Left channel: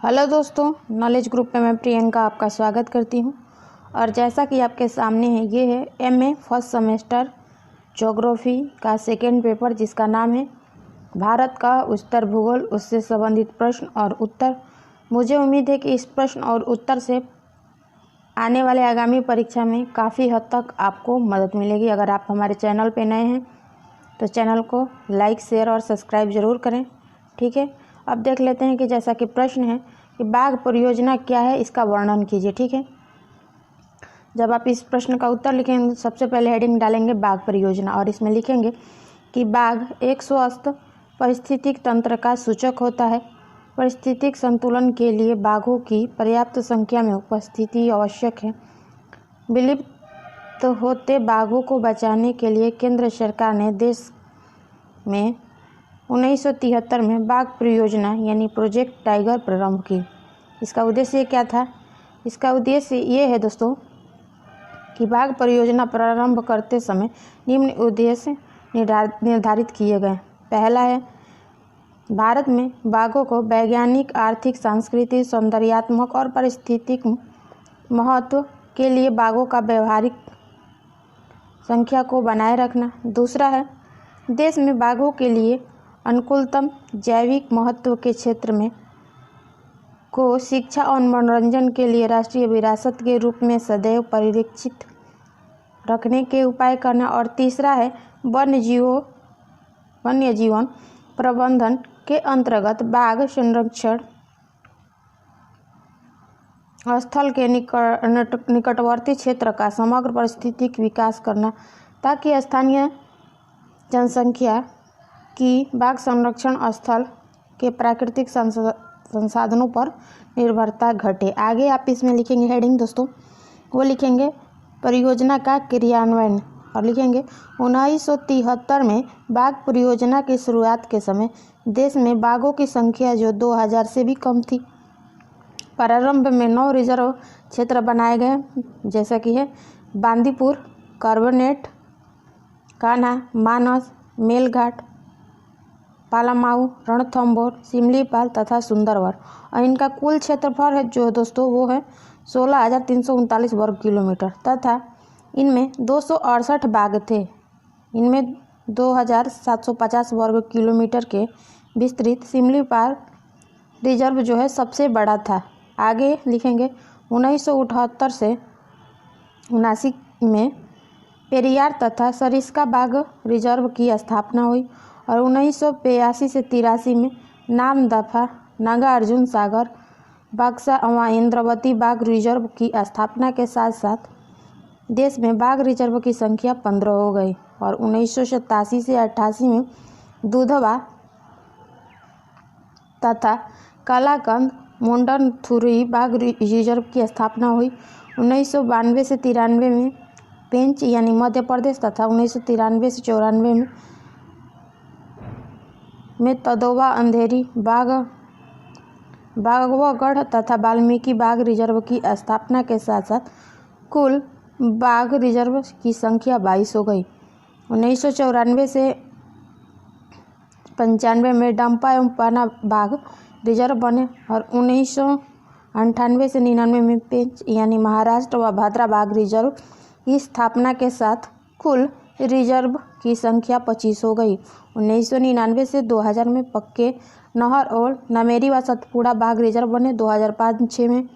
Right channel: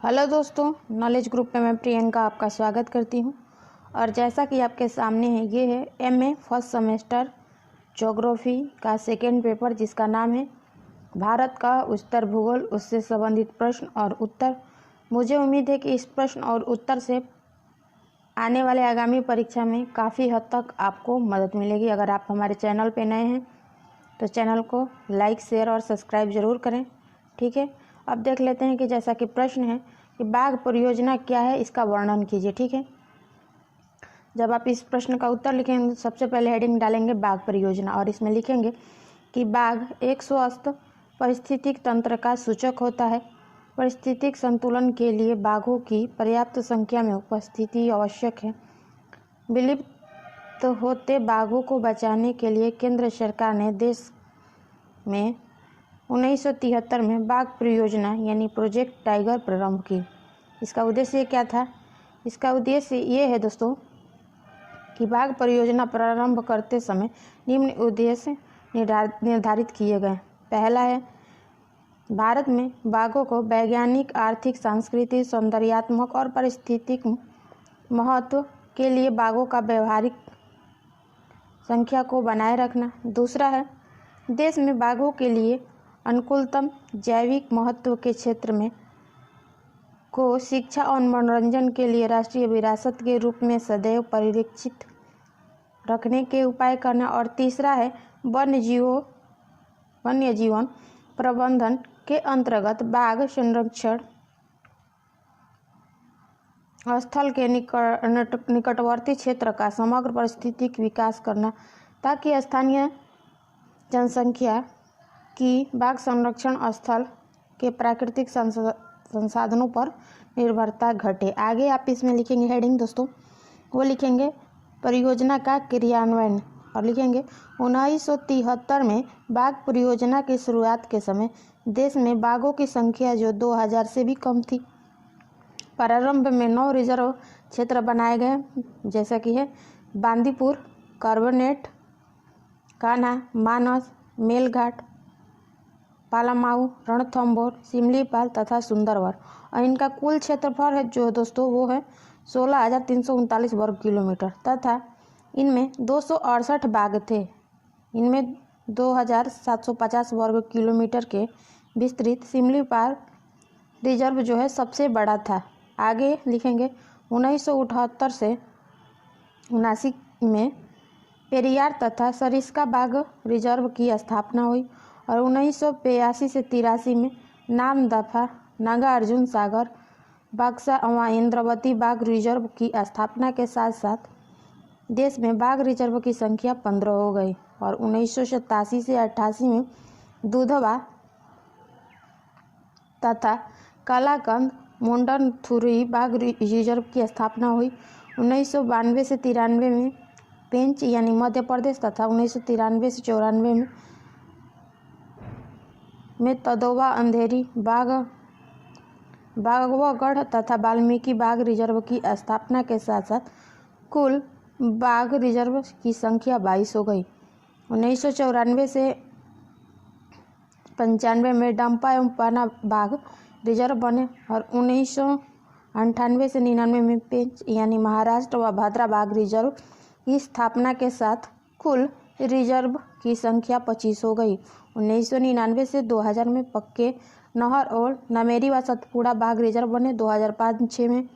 Hello दोस्तों, knowledge group में मैं प्रियंका आपका स्वागत करती हूं। और जैसा कि आपके सामने है, ये है एमए फर्स्ट सेमेस्टर ज्योग्राफी का सेकेंड पेपर, जिसका नाम है भारत का उत्तर भूगोल, उससे संबंधित प्रश्न और उत्तर। मुझे उम्मीद है कि इस प्रश्न और उत्तर से आने वाले आगामी परीक्षा में काफ़ी हद तक आपको मदद मिलेगी। अगर आप हमारे चैनल पर नए हैं तो चैनल को लाइक, शेयर और सब्सक्राइब ज़रूर करें, ठीक है। अब देख लेते हैं कि जैसा कि प्रश्न है कि बाघ परियोजना क्या है, इसका वर्णन कीजिए, ठीक है। जब आप इस प्रश्न का उत्तर लिखेंगे, सबसे पहले हेडिंग डालेंगे बाघ परियोजना, और इसमें लिखेंगे कि बाघ एक स्वस्थ पारिस्थितिक तंत्र का सूचक होता है। पारिस्थितिक संतुलन के लिए बाघों की पर्याप्त संख्या में उपस्थिति आवश्यक है। विलुप्त होते बाघों को बचाने के लिए केंद्र सरकार ने देश में 1973 में बाघ परियोजना यानी प्रोजेक्ट टाइगर प्रारंभ की। इसका उद्देश्य क्या था? इसका उद्देश्य ये है दोस्तों कि बाघ परियोजना प्रारंभ करते समय निम्न उद्देश्य निर्धारित किए गए। पहला है, भारत में बाघों को वैज्ञानिक, आर्थिक, सांस्कृतिक, सौंदर्यात्मक और पारिस्थितिक महत्व के लिए बाघों का व्यवहारिक संख्या को बनाए रखना। दूसरा है, देश में बाघों के लिए अनुकूलतम जैविक महत्व के क्षेत्र में को शिक्षा और मनोरंजन के लिए राष्ट्रीय विरासत के रूप में सदैव परिरक्षित रखने के उपाय करना। और तीसरा है, वन्य जीवन प्रबंधन के अंतर्गत बाघ संरक्षण स्थल के निकटवर्ती क्षेत्र का समग्र पारिस्थितिक विकास करना, ताकि स्थानीय जनसंख्या की बाघ संरक्षण स्थल के प्राकृतिक संसाधनों पर निर्भरता घटे। आगे आप इसमें लिखेंगे हेडिंग दोस्तों, वो लिखेंगे परियोजना का क्रियान्वयन, और लिखेंगे 1973 में बाघ परियोजना की शुरुआत के समय देश में बाघों की संख्या जो 2000 से भी कम थी। प्रारंभ में 9 रिजर्व क्षेत्र बनाए गए, जैसा कि है बांदीपुर, कार्बोनेट, कान्हा, मानस, मेलघाट, पालामाऊ, रणथंभौर, सिमलीपाल तथा सुंदरवन। और इनका कुल क्षेत्रफल है जो दोस्तों वो है 16,339 वर्ग किलोमीटर, तथा इनमें 268 बाघ थे। इनमें 2,750 वर्ग किलोमीटर के विस्तृत सिमलीपाल रिजर्व जो है सबसे बड़ा था। आगे लिखेंगे 1978 से 79 में पेरियार तथा सरिस्का बाघ रिजर्व की स्थापना हुई, और 1982 से 83 में नामदफा, नागार्जुन सागर, बक्सा अवा इंद्रावती बाघ रिजर्व की स्थापना के साथ साथ देश में बाघ रिजर्व की संख्या 15 हो गई। और 1987 से 88 में दुधवा तथा कालाकंद, मुंडनथुरी बाघ रिजर्व की स्थापना हुई। 1992 से 93 में पेंच यानी मध्य प्रदेश तथा 1993 से 94 में तदोवा, अंधेरी, बाघवगढ़ तथा वाल्मीकि बाघ रिजर्व की स्थापना के साथ साथ कुल बाघ रिजर्व की संख्या 22 हो गई। 1994 से 95 में डंपा एवं पाना बाघ रिजर्व बने, और 1998 से 99 में पेंच यानी महाराष्ट्र व भाद्रा बाघ रिजर्व की स्थापना के साथ कुल रिजर्व की संख्या 25 हो गई। 1999 से 2000 में पक्के नहर और नामेरी व सतपुड़ा बाघ रिजर्व बने। 2005-06 में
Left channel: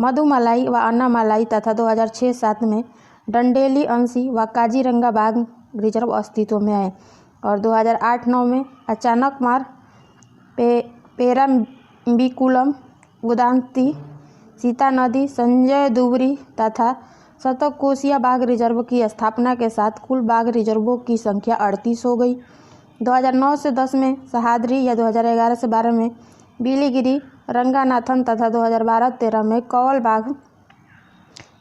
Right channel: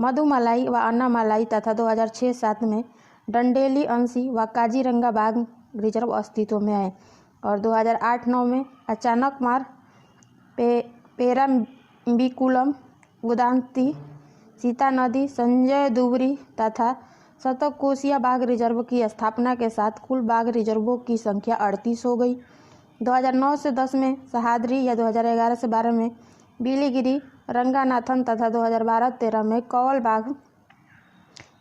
मधुमलाई व अन्नामलाई तथा 2006-07 में डंडेली, अंशी व काजीरंगा बाघ रिजर्व अस्तित्व में आए। और 2008-09 में अचानक मार, पेराम्बिकुलम, उदांती, सीता नदी, संजय दुबरी तथा सतकोशिया बाघ रिजर्व की स्थापना के साथ कुल बाघ रिजर्वों की संख्या 38 हो गई। 2009 से 10 में सहाद्री या 2011 से 12 में बिलीगिरी, रंगानाथन तथा 2012-13 में कौल बाघ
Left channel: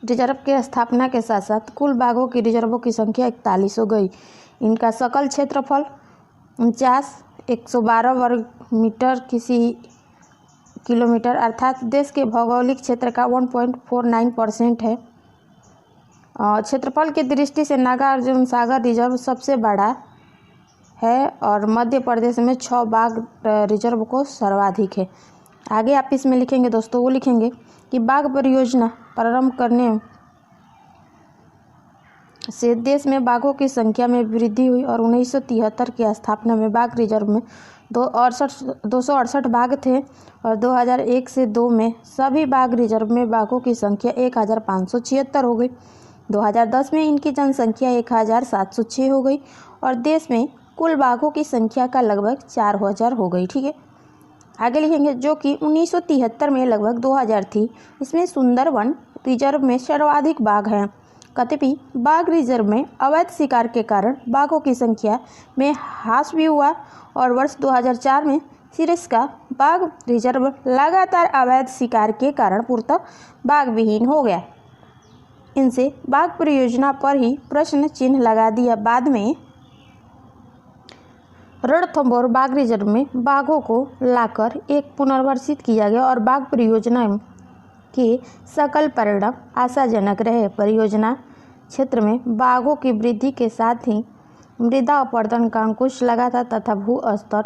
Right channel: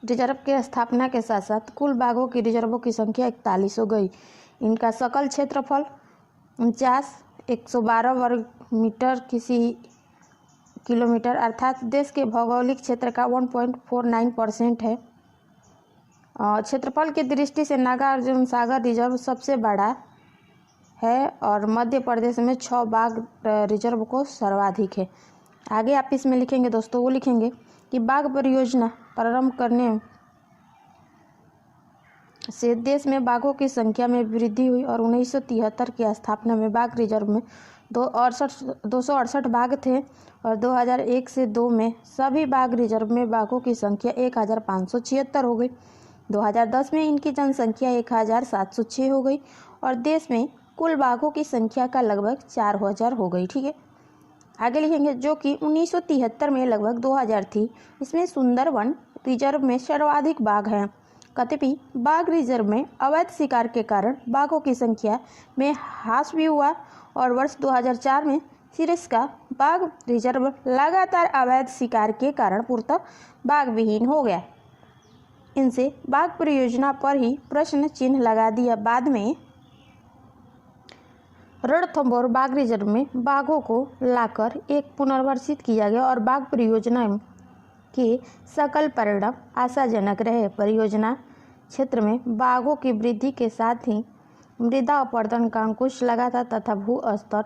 रिजर्व की स्थापना के साथ साथ कुल बाघों की रिजर्वों की संख्या 41 हो गई। इनका सकल क्षेत्रफल 49,112 वर्ग मीटर किलोमीटर अर्थात देश के भौगोलिक क्षेत्र का 1.49% है। क्षेत्रफल की दृष्टि से नागार्जुन सागर रिजर्व सबसे बड़ा है, और मध्य प्रदेश में 6 बाघ रिजर्व को सर्वाधिक है। आगे आप इसमें लिखेंगे दोस्तों, वो लिखेंगे कि बाघ परियोजना प्रारंभ करने से देश में बाघों की संख्या में वृद्धि हुई और 1973 की स्थापना में बाघ रिजर्व में 268 बाघ थे और 2001 से 2 में सभी बाघ रिजर्व में बाघों की संख्या 1576 हो गई। 2010 में इनकी जनसंख्या 1706 हो गई और देश में कुल बाघों की संख्या का लगभग 4000 हो गई। ठीक है, आगे लिखेंगे जो कि 1973 में लगभग 2000 थी। इसमें सुंदरवन रिजर्व में सर्वाधिक बाघ हैं। कतिपय बाघ रिजर्व में अवैध शिकार के कारण बाघों की संख्या में ह्रास भी हुआ और वर्ष 2004 में सिरस्का बाघ रिजर्व लगातार अवैध शिकार के कारण पूर्णतः बाघ विहीन हो गया। इनसे बाघ परियोजना पर ही प्रश्न चिन्ह लगा दिया। बाद में रणथंभौर बाघ रिजर्व में बाघों को लाकर एक पुनर्वासित किया गया और बाघ परियोजना के सकल परिणाम आशाजनक रहे। परियोजना क्षेत्र में बाघों की वृद्धि के साथ ही मृदा अपरदन का अंकुश लगा था तथा भू स्तर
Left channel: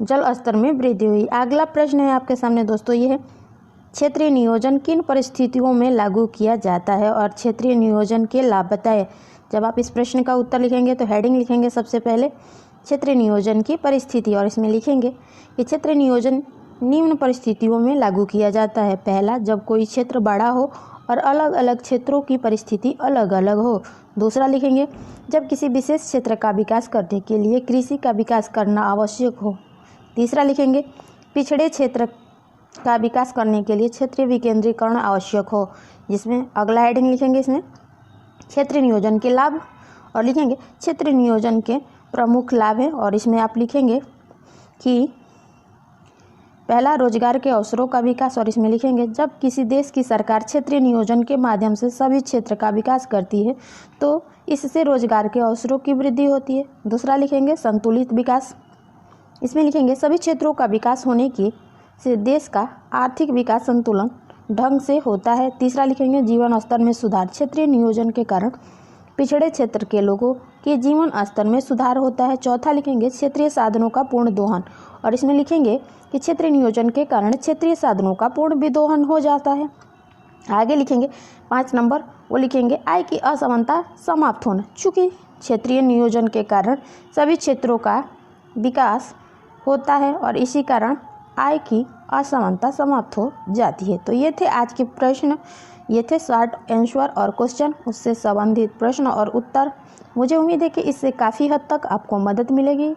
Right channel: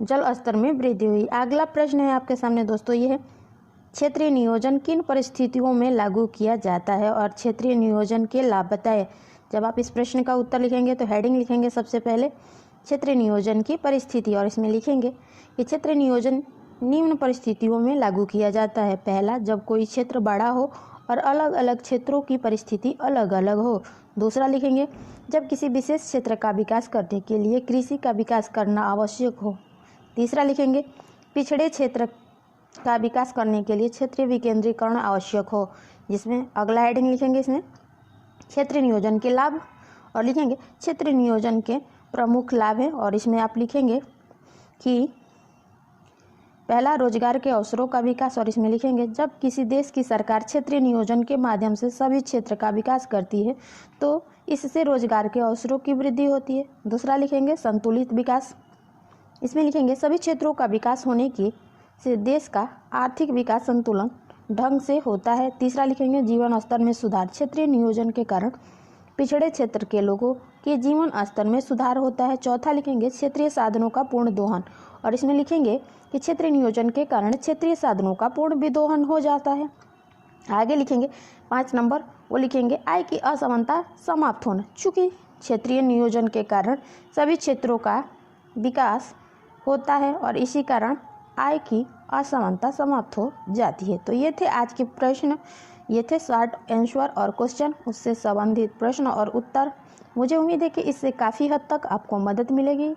जल स्तर में वृद्धि हुई। अगला प्रश्न है आपके सामने दोस्तों, ये है क्षेत्रीय नियोजन किन परिस्थितियों में लागू किया जाता है और क्षेत्रीय नियोजन के लाभ बताएं। जब आप इस प्रश्न का उत्तर लिखेंगे तो हेडिंग लिखेंगे सबसे पहले क्षेत्रीय नियोजन की परिस्थिति और इसमें लिखेंगे कि क्षेत्रीय नियोजन निम्न परिस्थितियों में लागू किया जाता है। पहला, जब कोई क्षेत्र बड़ा हो और अलग अलग क्षेत्रों की परिस्थिति अलग अलग हो। दूसरा लिखेंगे जब किसी विशेष क्षेत्र का विकास करने के लिए कृषि का विकास करना आवश्यक हो। तीसरा लिखेंगे पिछड़े क्षेत्र का विकास करने के लिए क्षेत्रीय विकेंद्रीकरण आवश्यक हो, जिसमें अगला हेडिंग लिखेंगे इसमें क्षेत्रीय नियोजन के लाभ और लिखेंगे क्षेत्रीय नियोजन के प्रमुख लाभ हैं और इसमें आप लिखेंगे कि पहला, रोजगार के अवसरों का विकास और इसमें लिखेंगे जब किसी देश की सरकार क्षेत्रीय नियोजन के माध्यम से सभी क्षेत्र का विकास करती है तो इससे रोजगार के अवसरों की वृद्धि होती है। दूसरा लिखेंगे संतुलित विकास, इसमें लिखेंगे सभी क्षेत्रों का विकास होने की से देश का आर्थिक विकास संतुलन ढंग से होता है। तीसरा लिखेंगे जीवन स्तर में सुधार, क्षेत्रीय नियोजन के कारण पिछड़े क्षेत्र के लोगों के जीवन स्तर में सुधार होता है। चौथा लिखेंगे क्षेत्रीय साधनों का पूर्ण दोहन और इसमें लिखेंगे कि क्षेत्रीय नियोजन के कारण क्षेत्रीय साधनों का पूर्ण विदोहन हो जाता है। आगे लिखेंगे 5 नंबर, वो लिखेंगे आय की असमानता समाप्त होना, चूँकि क्षेत्रीय नियोजन के कारण सभी क्षेत्रों का विकास होता है और इसी कारण आय की असमानता समाप्त हो जाती है। तो ये थे आज के प्रश्न, ये थे शॉर्ट आंसर और क्वेश्चन, उससे संबंधित प्रश्न और उत्तर। मुझे उम्मीद है कि इससे काफ़ी हद तक आपको मदद मिलेगी।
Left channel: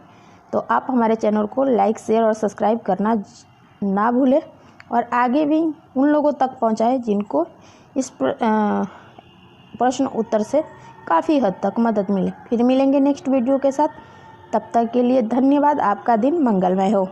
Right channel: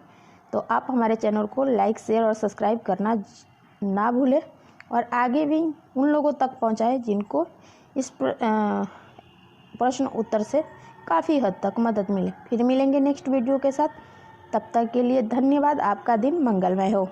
तो आप हमारे चैनल को लाइक, शेयर और सब्सक्राइब करना ना भूलें और आगे भी उन लोगों तक पहुंचाएं जिनको इस प्रश्न उत्तर से काफ़ी हद तक मदद मिले। फिर मिलेंगे नेक्स्ट वीडियो के साथ, तब तक के लिए धन्यवाद। आपका दिन मंगलमय हो।